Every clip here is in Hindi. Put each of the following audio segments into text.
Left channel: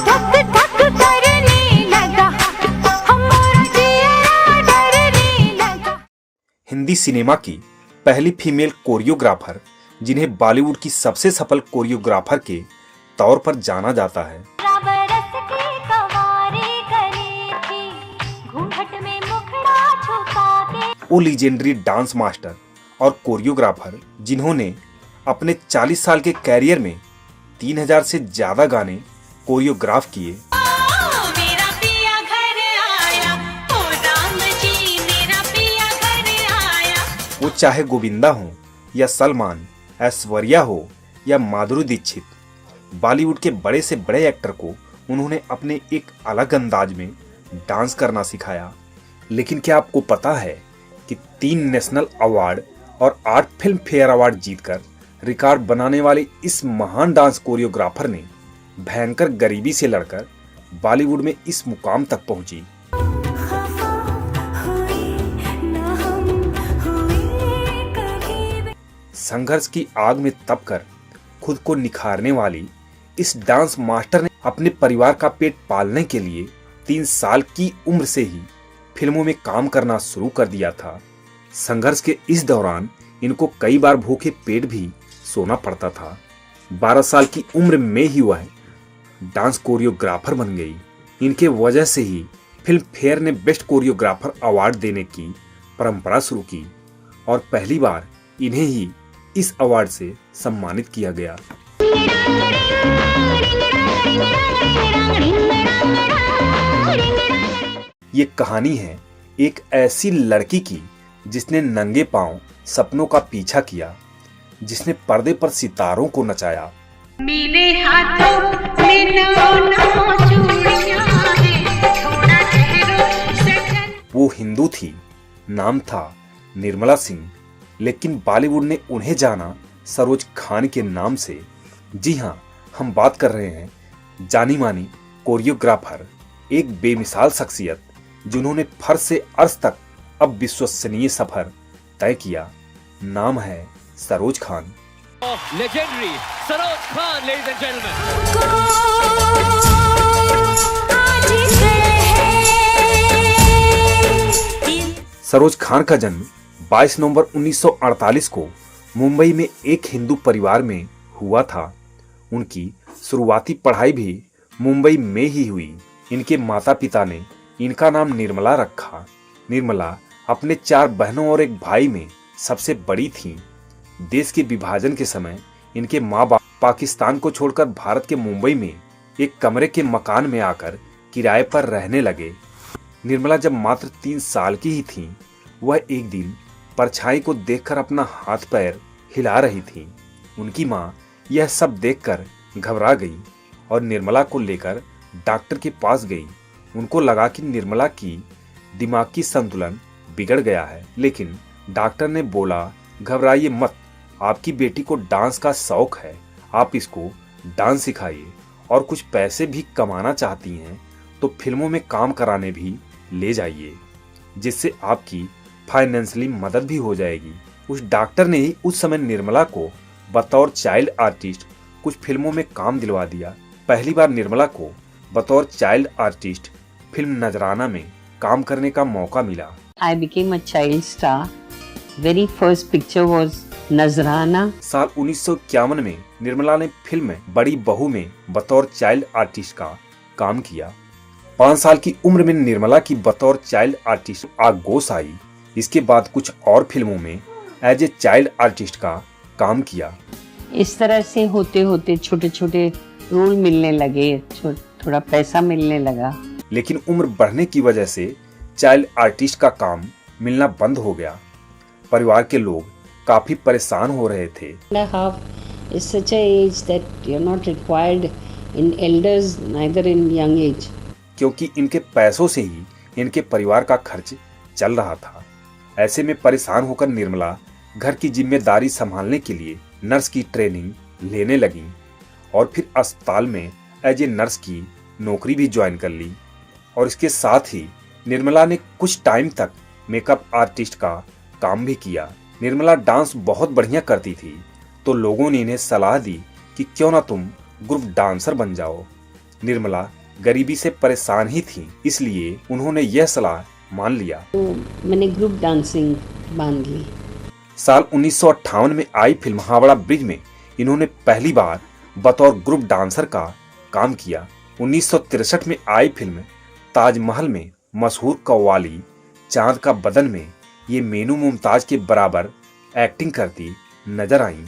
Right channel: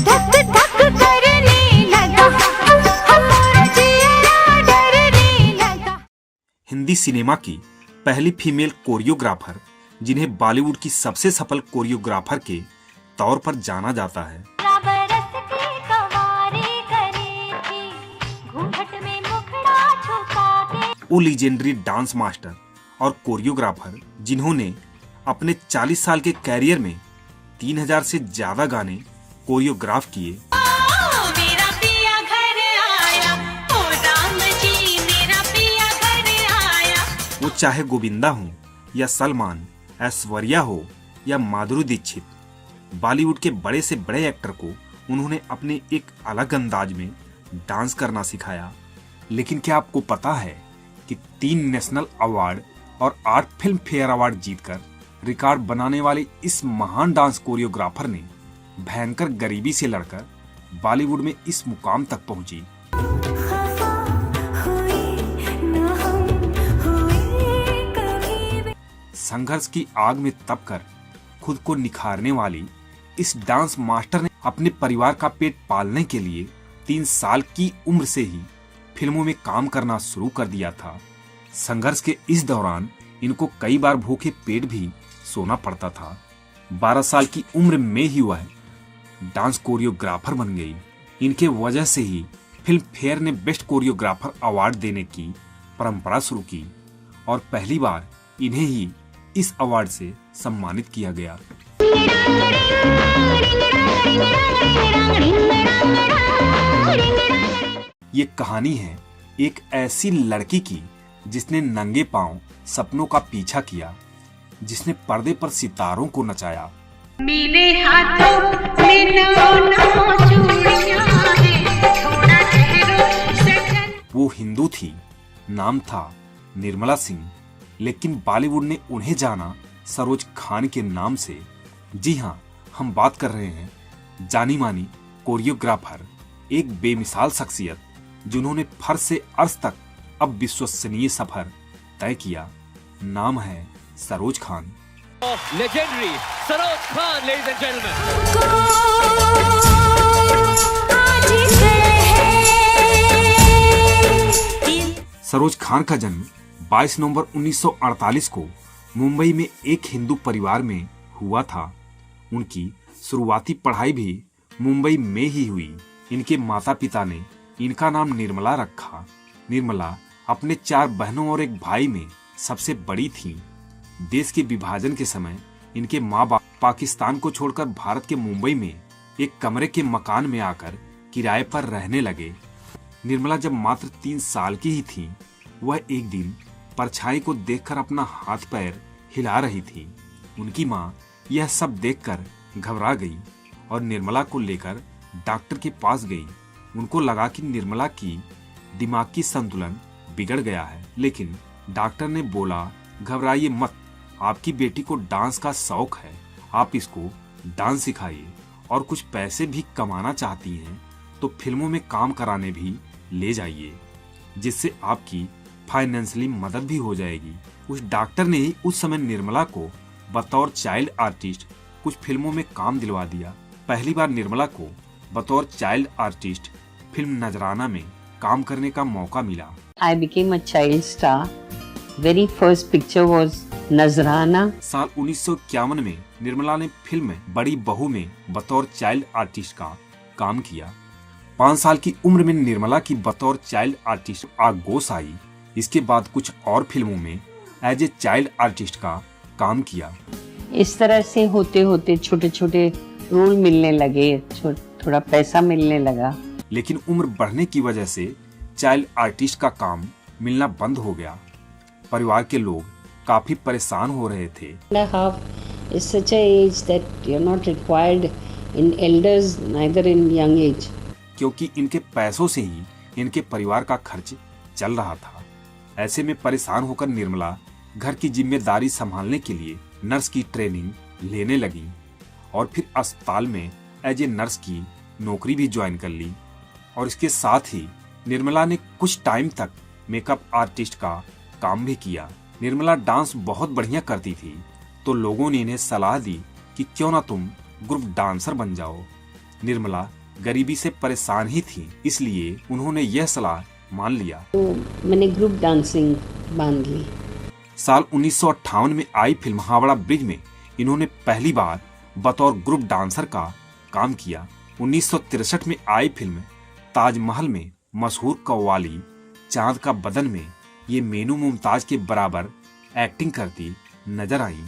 धक धक करने लगा, हमारा जिया डरने लगा। हिंदी सिनेमा की पहली फीमेल कोरियोग्राफर, जिन्हें बॉलीवुड की सबसे सफल कोरियोग्राफर के तौर पर जाना जाता है। बरस की कवारी करी थी, घूंघट में मुखड़ा छुपा के। वो लीजेंडरी डांस मास्टर और कोरियोग्राफर, जिन्होंने अपने 40 साल के कैरियर में 3000 से ज्यादा गाने कोरियोग्राफ किए। मेरा पिया घर आया, ओ राम जी मेरा पिया घर आया। वो चाहे गोविंदा हो या सलमान, ऐश्वर्या हो या माधुरी दीक्षित, बॉलीवुड के बड़े से बड़े एक्टर को उन्होंने अपने एक अलग अंदाज में डांस करना सिखाया। लेकिन क्या आपको पता है कि 3 नेशनल अवार्ड और 8 फिल्म फेयर अवार्ड जीतकर रिकॉर्ड बनाने वाले इस महान डांस कोरियोग्राफर ने भयंकर गरीबी से लड़कर बॉलीवुड में इस मुकाम तक पहुंची। संघर्ष की आग में तपकर खुद को निखारने वाली इस डांस मास्टर ने अपने परिवार का पेट पालने के लिए 3 साल की उम्र से ही फिल्मों में काम करना शुरू कर दिया था। संघर्ष के इस दौरान इनको कई बार भूखे पेट भी सोना पड़ता था। 12 साल की उम्र में ही वह डांस कोरियोग्राफर बन गई। इनके वजह से ही फिल्म फेयर ने बेस्ट कोरियोग्राफर अवार्ड देने की परंपरा शुरू की और पहली बार इन्हें ही इस अवार्ड से सम्मानित किया गया। ये कहानी है एक ऐसी लड़की की जिसने नंगे पांव सपनों का पीछा किया, जिसने पर्दे पर सितारों को नचाया। मेरे हाथों में नौ चूड़ियां हैं, थोड़ा ठहरो सजन। वो हिंदू थी, नाम था निर्मला सिंह, लेकिन बॉलीवुड ने उन्हें जाना सरोज खान के नाम से। जी हाँ, हम बात कर रहे हैं जानी मानी कोरियोग्राफर, एक बेमिसाल शख्सियत जिन्होंने फर्श से अर्श तक अब विश्वसनीय सफर तय किया। नाम है Saroj Khan. Legendary Saroj Khan, ladies and gentlemen. Saroj Khan का जन्म 22 नवंबर 1948 को मुंबई में एक हिंदू परिवार में हुआ था। उनकी शुरुआती पढ़ाई भी मुंबई में ही हुई। इनके माता पिता ने इनका नाम निर्मला रखा। निर्मला अपने 4 बहनों और एक भाई में सबसे बड़ी थीं। देश के विभाजन के समय इनके माँ बाप पाकिस्तान को छोड़कर भारत के मुंबई में एक कमरे के मकान में आकर किराए पर रहने लगे। निर्मला जब मात्र 3 साल की ही थीं, वह एक दिन परछाई को देखकर अपना हाथ पैर हिला रही थीं। उनकी माँ यह सब देखकर घबरा गई और निर्मला को लेकर डॉक्टर के पास गई। उनको लगा कि निर्मला की दिमागी संतुलन बिगड़ गया है, लेकिन डॉक्टर ने बोला, घबराइए मत, आपकी बेटी को डांस का शौक है, आप इसको डांस सिखाइए और कुछ पैसे भी कमाना चाहती हैं तो फिल्मों में काम कराने भी ले जाइए, जिससे आपकी फाइनेंशियली मदद भी हो जाएगी। उस डॉक्टर ने ही उस समय निर्मला को बतौर चाइल्ड आर्टिस्ट कुछ फिल्मों में काम दिलवा दिया। पहली बार निर्मला को बतौर चाइल्ड आर्टिस्ट फिल्म नजराना में काम करने का मौका मिला। I became a child star. Very first picture was नजराना। साल 1951 में निर्मला ने फिल्म बड़ी बहू में बतौर चाइल्ड आर्टिस्ट का काम किया। 5 साल की उम्र में निर्मला की बतौर चाइल्ड आर्टिस्ट आगोश आई। इसके बाद कुछ और फिल्मों में एज ए चाइल्ड आर्टिस्ट का काम किया। इस तरह से होते होते छोटे छोटे रोल मिलने लगे, थोड़ा पैसा मिलने लगा। लेकिन उम्र बढ़ने की वजह से चाइल्ड आर्टिस्ट का काम मिलना बंद हो गया। परिवार के लोग काफी परेशान हो रहे थे। Half is such a age that you're not required in elders, neither in young age. क्योंकि इनके पैसों से ही इनके परिवार का खर्च चल रहा था। ऐसे में परेशान होकर निर्मला घर की जिम्मेदारी संभालने के लिए नर्स की ट्रेनिंग लेने लगी और फिर अस्पताल में एज ए नर्स की नौकरी भी ज्वाइन कर ली। और इसके साथ ही निर्मला ने कुछ टाइम तक मेकअप आर्टिस्ट का काम भी किया। निर्मला डांस बहुत बढ़िया करती थी, तो लोगों ने इन्हें सलाह दी कि क्यों ना तुम ग्रुप डांसर बन जाओ। निर्मला गरीबी से परेशान ही थी, इसलिए उन्होंने यह सलाह मान लिया। तो मैंने ग्रुप डांसिंग बांध ली। साल 1958 में आई फिल्म हावड़ा ब्रिज में इन्होंने पहली बार बतौर ग्रुप डांसर का काम किया। 1963 में आई फिल्म ताजमहल में मशहूर कव्वाली चांद का बदन में ये मीनू मुमताज के बराबर एक्टिंग करती नजर आई।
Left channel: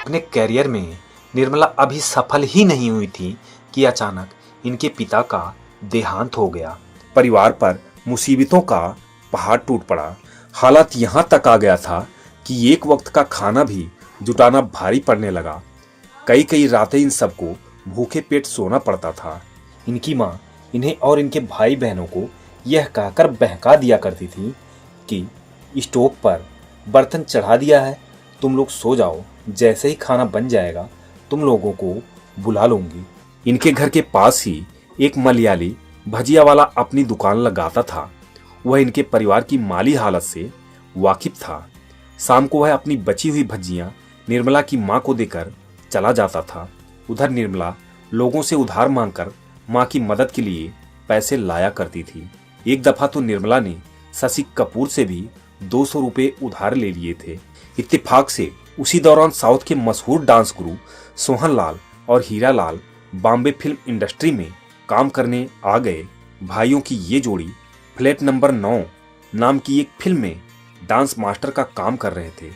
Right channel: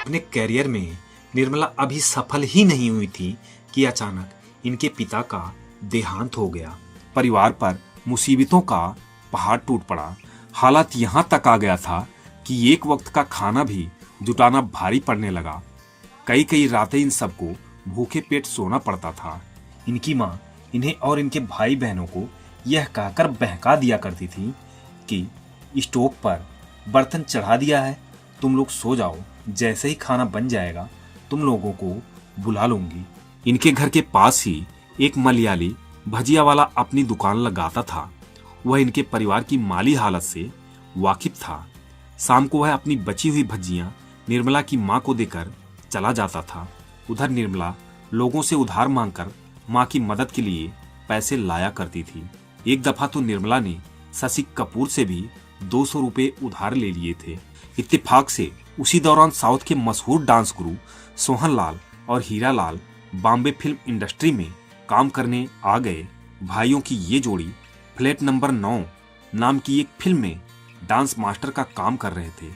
अपने करियर में निर्मला अभी सफल ही नहीं हुई थी कि अचानक इनके पिता का देहांत हो गया। परिवार पर मुसीबतों का पहाड़ टूट पड़ा। हालात यहाँ तक आ गया था कि एक वक्त का खाना भी जुटाना भारी पड़ने लगा। कई कई रातें इन सबको भूखे पेट सोना पड़ता था। इनकी माँ इन्हें और इनके भाई बहनों को यह कहकर बहका दिया करती थी कि स्टोव पर बर्तन चढ़ा दिया है, तुम लोग सो जाओ, जैसे ही खाना बन जाएगा तुम लोगों को बुला लूंगी। इनके घर के पास ही एक मलयाली भजिया वाला अपनी दुकान लगाता था। वह इनके परिवार की माली हालत से वाकिफ था। शाम को वह अपनी बची हुई भजियां निर्मला की माँ को देकर चला जाता था। उधर निर्मला लोगों से उधार मांगकर माँ की मदद के लिए पैसे लाया करती थी। एक दफा तो निर्मला ने शशि कपूर से भी 200 रुपए उधार ले लिए थे। इत्तेफाक से उसी दौरान साउथ के मशहूर डांस गुरु सोहन लाल और हीरा लाल बॉम्बे फिल्म इंडस्ट्री में काम करने आ गए। भाइयों की ये जोड़ी फ्लैट नंबर 9 नाम की एक फिल्म में डांस मास्टर का काम कर रहे थे।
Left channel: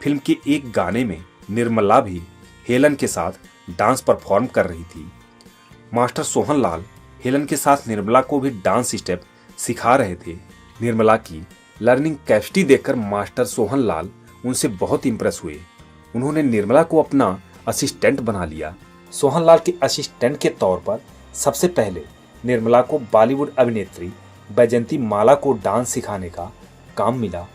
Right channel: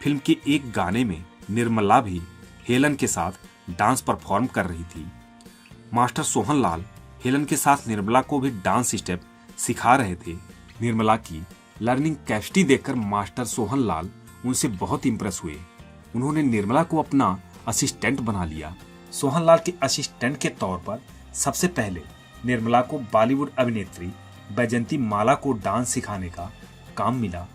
फिल्म के एक गाने में निर्मला भी हेलन के साथ डांस परफॉर्म कर रही थी। मास्टर सोहन लाल हेलन के साथ निर्मला को भी डांस स्टेप सिखा रहे थे। निर्मला की लर्निंग कैपेसिटी देखकर मास्टर सोहन लाल उनसे बहुत इंप्रेस हुए। उन्होंने निर्मला को अपना असिस्टेंट बना लिया। सोहन लाल के असिस्टेंट के तौर पर सबसे पहले निर्मला को बॉलीवुड अभिनेत्री बैजंती माला को डांस सिखाने का काम मिला।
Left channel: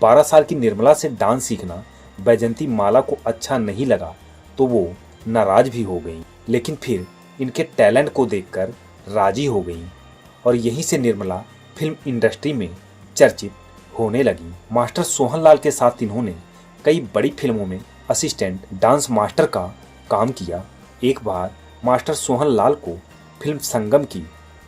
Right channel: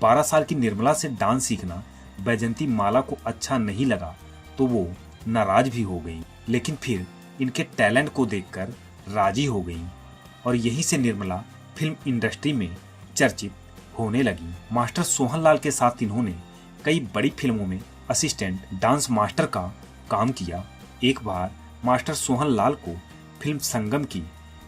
12 साल की निर्मला से डांस सीखना बैजंती माला को अच्छा नहीं लगा तो वो नाराज भी हो गई, लेकिन फिर इनके टैलेंट को देखकर राजी हो गई और यहीं से निर्मला फिल्म इंडस्ट्री में चर्चित होने लगी। मास्टर सोहन लाल के साथ इन्होंने कई बड़ी फिल्मों में असिस्टेंट डांस मास्टर का काम किया। एक बार मास्टर सोहन लाल को फिल्म संगम की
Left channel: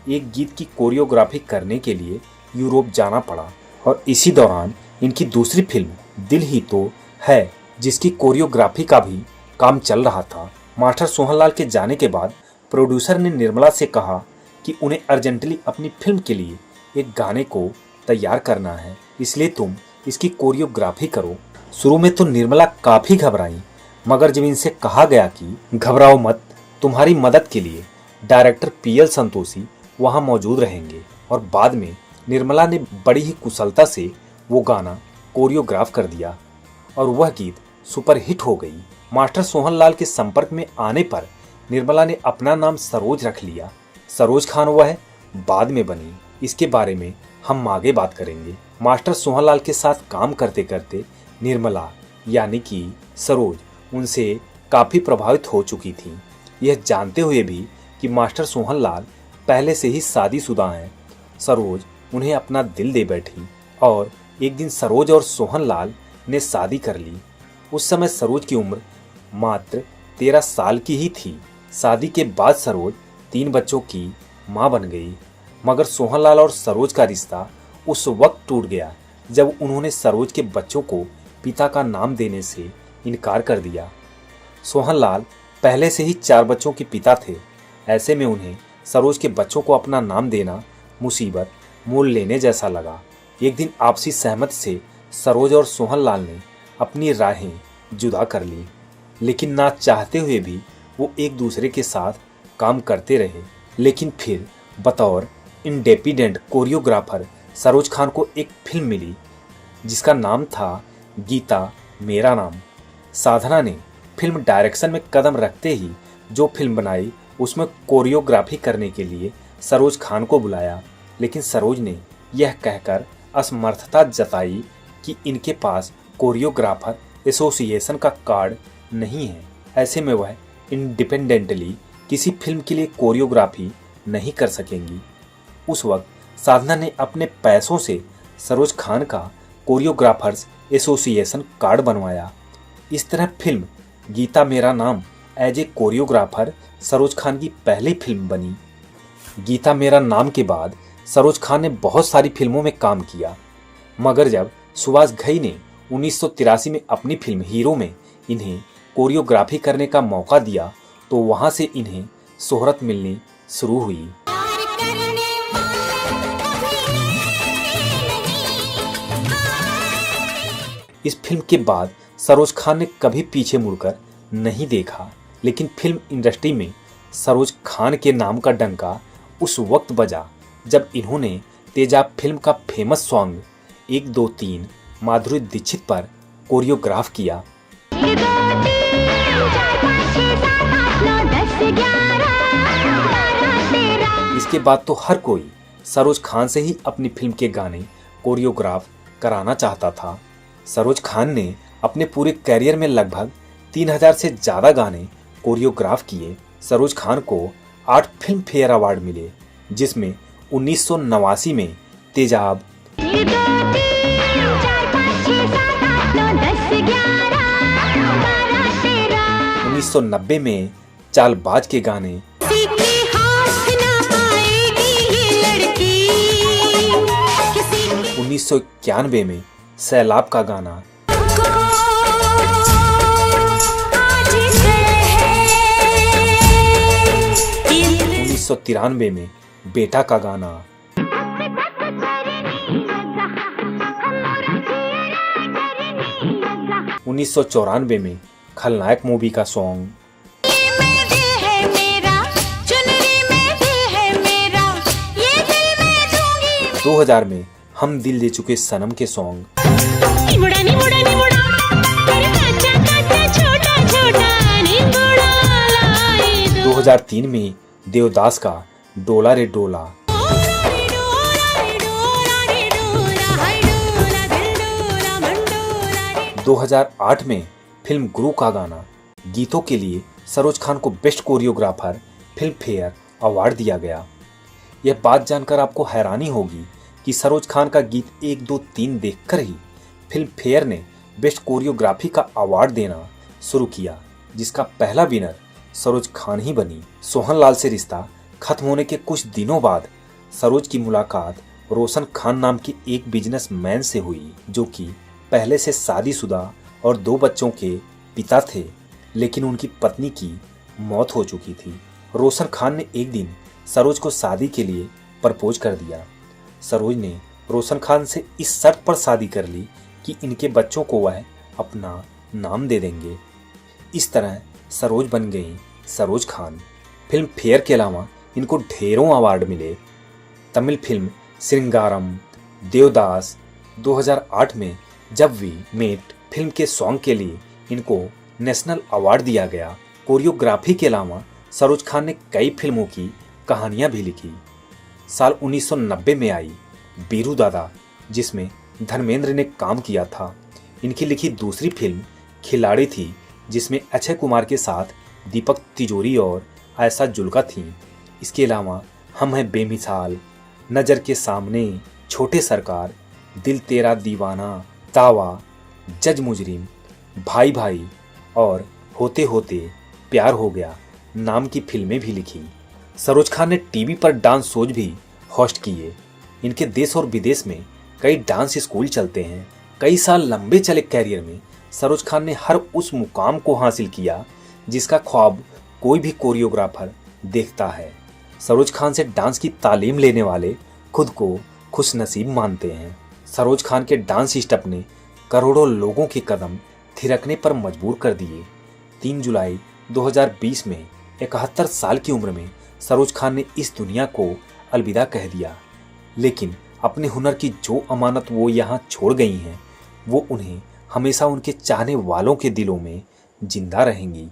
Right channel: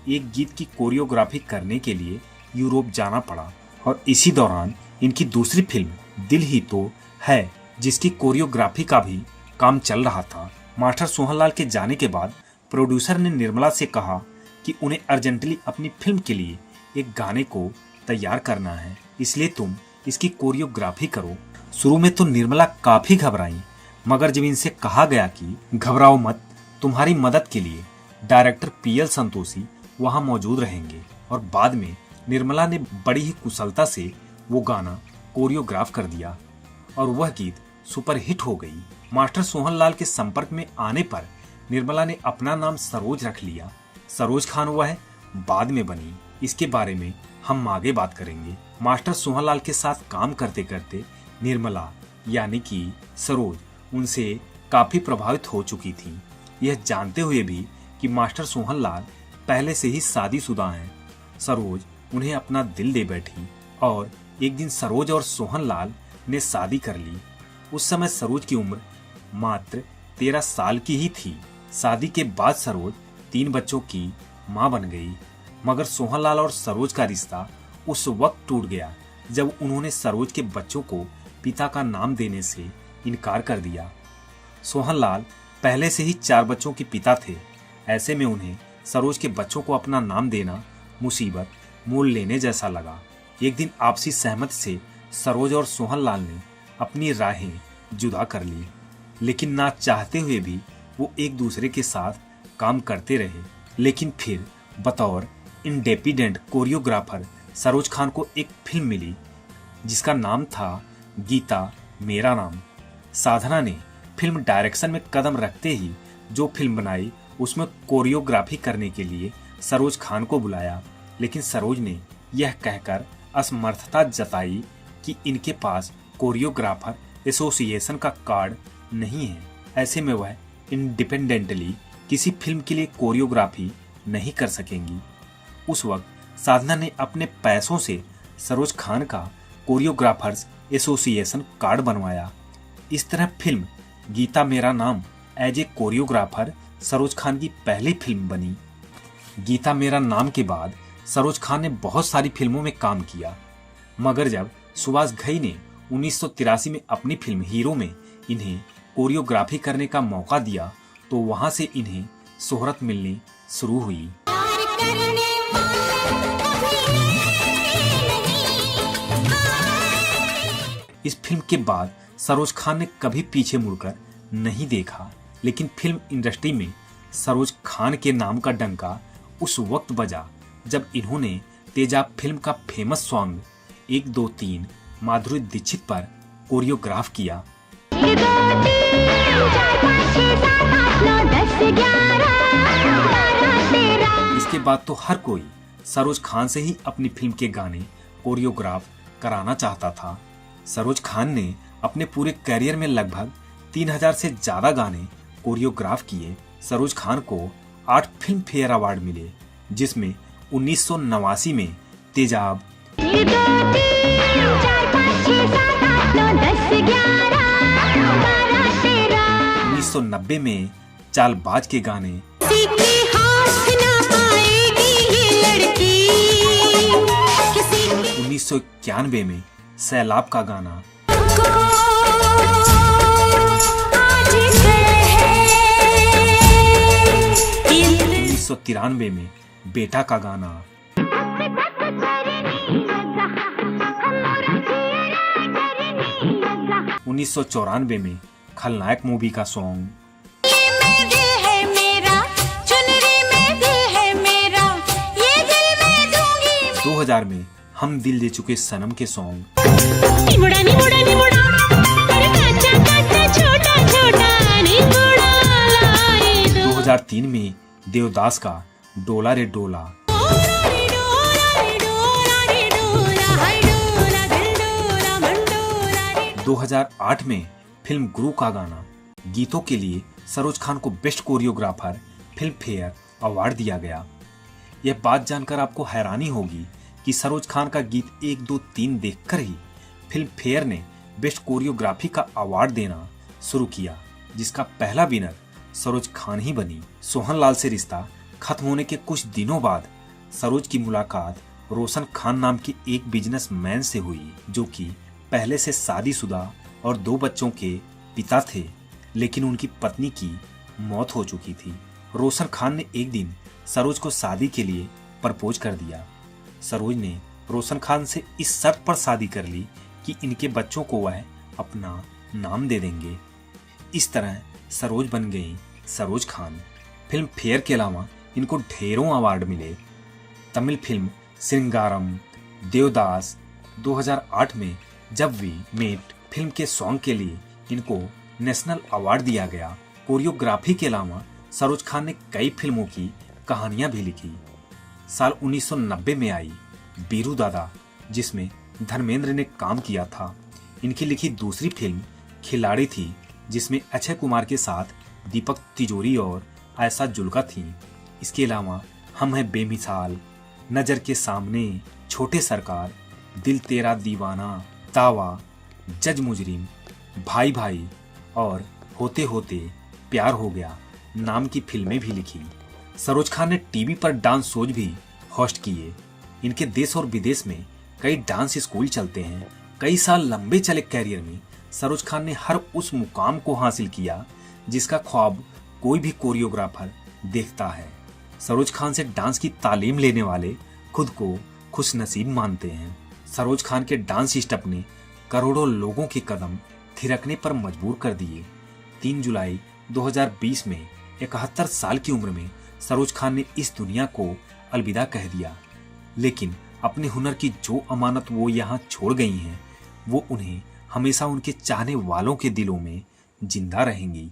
एक गीत की कोरियोग्राफी करने के लिए यूरोप जाना पड़ा और इसी दौरान इनकी दूसरी फिल्म दिल ही तो है जिसकी कोरियोग्राफी का भी काम चल रहा था। मास्टर सोहन लाल के जाने के बाद प्रोड्यूसर ने निर्मला से कहा कि उन्हें अर्जेंटली अपनी फिल्म के लिए एक गाने को तैयार करना है, इसलिए तुम इसकी कोरियोग्राफी करो। शुरू में तो निर्मला काफी घबराई, मगर जब इनसे कहा गया कि घबराओ मत, तुम्हारी मदद के लिए डायरेक्टर पीएल संतोषी वहां मौजूद रहेंगे, और बाद में निर्मला ने बड़ी ही कुशलता से वो गाना कोरियोग्राफ कर दिया और वह गीत सुपरहिट हो गई। मास्टर सोहन लाल के संपर्क में आने पर निर्मला ने अपना नाम सरोज रख लिया। सरोज खान वह बाद में बनी, इसके बारे में हम आगे बात करेंगे। मास्टर सोहन लाल के साथ काम करते करते निर्मला यानी कि सरोज उनसे काफी प्रभावित हो चुकी थी। यह जानते हुए भी कि मास्टर सोहन लाल पहले से ही शादीशुदा हैं, सरोज उन्हें अपना दिल दे बैठी और एक दिन सरोज और सोहन लाल ने शादी कर ली। उस समय सरोज की उम्र मात्र 13 साल की ही थी। शादी के बाद सरोज 3 बच्चों की मां बन गई, मगर सोहनलाल और सरोज का रिश्ता उस वक्त टूट गया जब उन्होंने सरोज के बच्चों को पिता का नाम देने से इनकार कर दिया। सोहनलाल पहले से ही 4 बच्चों के पिता थे, ऐसे में उन्हें सरोज के बच्चों को अपना नाम देना मुसीबत मोल लेने जैसा लगा। एक दिन आपसी सहमत से सरोज और सोहनलाल ने अपनी राहें जुदा कर ली, लेकिन ना चाहते हुए भी वो एक दूसरे के साथ काम करते रहे। लेकिन फिर बतौर इंडिपेंडेंट कोरियोग्राफर सरोज खान को एक फिल्म मिली जिसका नाम था गीता मेरा नाम। साधना ने फिल्म डायरेक्शन में कदम रखते ही जो फिल्म बनाई उसमें कोरियोग्राफी करने के लिए सरोज खान को बुलाया, लेकिन सरोज ने यह कहकर असमर्थता जताई कि इनके पास कोरियोग्राफर एसोसिएशन का कार्ड नहीं है। ऐसे में वह इंडिपेंडेंटली किसी फिल्म के लिए कोरियोग्राफी नहीं कर सकेंगी। उस वक्त साधना ने अपने पैसों से सरोज खान का कोरियोग्राफर्स एसोसिएशन कार्ड बनवाया। इस तरह film Geeta Mera Naam as a choreographer Saroj Khan की पहली फिल्म बनी। गीता मेरा नाम के बाद सरोज खान ने बहुत सारी फिल्मों में काम किया, मगर जब सुभाष घई ने 1983 में अपनी फिल्म हीरो में इन्हें कोरियोग्राफी करने का मौका दिया तो वहां से इन्हें शोहरत मिलनी शुरू हुई। इस फिल्म के बाद सरोज खान ने कभी पीछे मुड़कर नहीं देखा, लेकिन फिल्म इंडस्ट्री में सरोज खान के नाम का डंका उस वक्त बजा जब इन्होंने तेजाब फिल्म का फेमस सॉन्ग 1 2 3 माधुरी दीक्षित पर कोरियोग्राफ किया। इसके बाद तो हर कोई सरोज खान से ही अपनी फिल्म के गाने कोरियोग्राफ कराना चाहता था। सरोज खान ने अपने पूरे करियर में लगभग 3000 से ज्यादा गाने कोरियोग्राफ किए। सरोज खान को 8 फिल्म फेयर अवार्ड मिले, जिसमें 1989 में तेजाब, 1990 में चालबाज के गाने, 1991 में सैलाब का गाना, 1993 में बेटा का गाना, 1994 में खलनायक मूवी का सॉन्ग, 2000 में हम दिल दे चुके सनम के सॉन्ग, 2003 में देवदास का डोला रे डोला, 2008 में फिल्म गुरु का गाना। गीतों के लिए सरोज खान को best choreographer film fair award दिया गया। यह बात जानकर आपको हैरानी होगी कि सरोज खान का गीत 1 2 3 देखकर ही फिल्म फेयर ने बेस्ट कोरियोग्राफी का अवार्ड देना शुरू किया, जिसका पहला विनर सरोज खान ही बनी। सोहनलाल से रिश्ता खत्म होने के कुछ दिनों बाद सरोज की मुलाकात रोशन खान नाम के एक बिजनेसमैन से हुई, जो कि पहले से शादीशुदा और 2 बच्चों के पिता थे, लेकिन उनकी पत्नी की मौत हो चुकी थी। रोशन खान ने एक दिन सरोज को शादी के लिए प्रपोज कर दिया। सरोज ने रोशन खान से इस शर्त पर शादी कर ली कि इनके बच्चों को वह अपना नाम दे देंगे। इस तरह सरोज बन गई सरोज खान। फिल्म फेयर के अलावा इनको ढेरों अवार्ड मिले। तमिल फिल्म श्रृंगारम, देवदास, 2008 में जब वी मेट फिल्म के सॉन्ग के लिए इनको नेशनल अवार्ड दिया गया। कोरियोग्राफी के अलावा सरोज खान ने कई फिल्मों की कहानियां भी लिखी। साल 1990 में आई बीरू दादा, जिसमें धर्मेंद्र ने काम किया था। इनकी लिखी दूसरी फिल्म खिलाड़ी थी, जिसमें अक्षय कुमार के साथ दीपक तिजोरी और आयशा जुल्का थीं। इसके अलावा हम हैं बेमिसाल, नजर के सामने, छोटे सरकार, दिल तेरा दीवाना, दावा, जज मुजरिम, भाई भाई और होते होते प्यार हो गया नाम की फिल्में भी लिखी। सरोज खान ने टीवी पर डांस शोज भी होस्ट किए। इनके देश और विदेश में कई डांस स्कूल चलते हैं। कई साल लंबे चले कैरियर में सरोज खान ने हर उस मुकाम को हासिल किया जिसका ख्वाब कोई भी कोरियोग्राफर देखता है। सरोज खान से डांस की तालीम लेने वाले खुद को खुशनसीब मानते हैं। सरोज खान के डांस स्टेप ने करोड़ों लोगों के कदम थिरकने पर मजबूर कर दिए। 3 जुलाई 2020 में 71 साल की उम्र में सरोज खान ने इस दुनिया को अलविदा कह दिया, लेकिन अपने हुनर की जो अमानत वो यहाँ छोड़ गई हैं, वो उन्हें हमेशा उनके चाहने वालों के दिलों में जिंदा रहेंगी।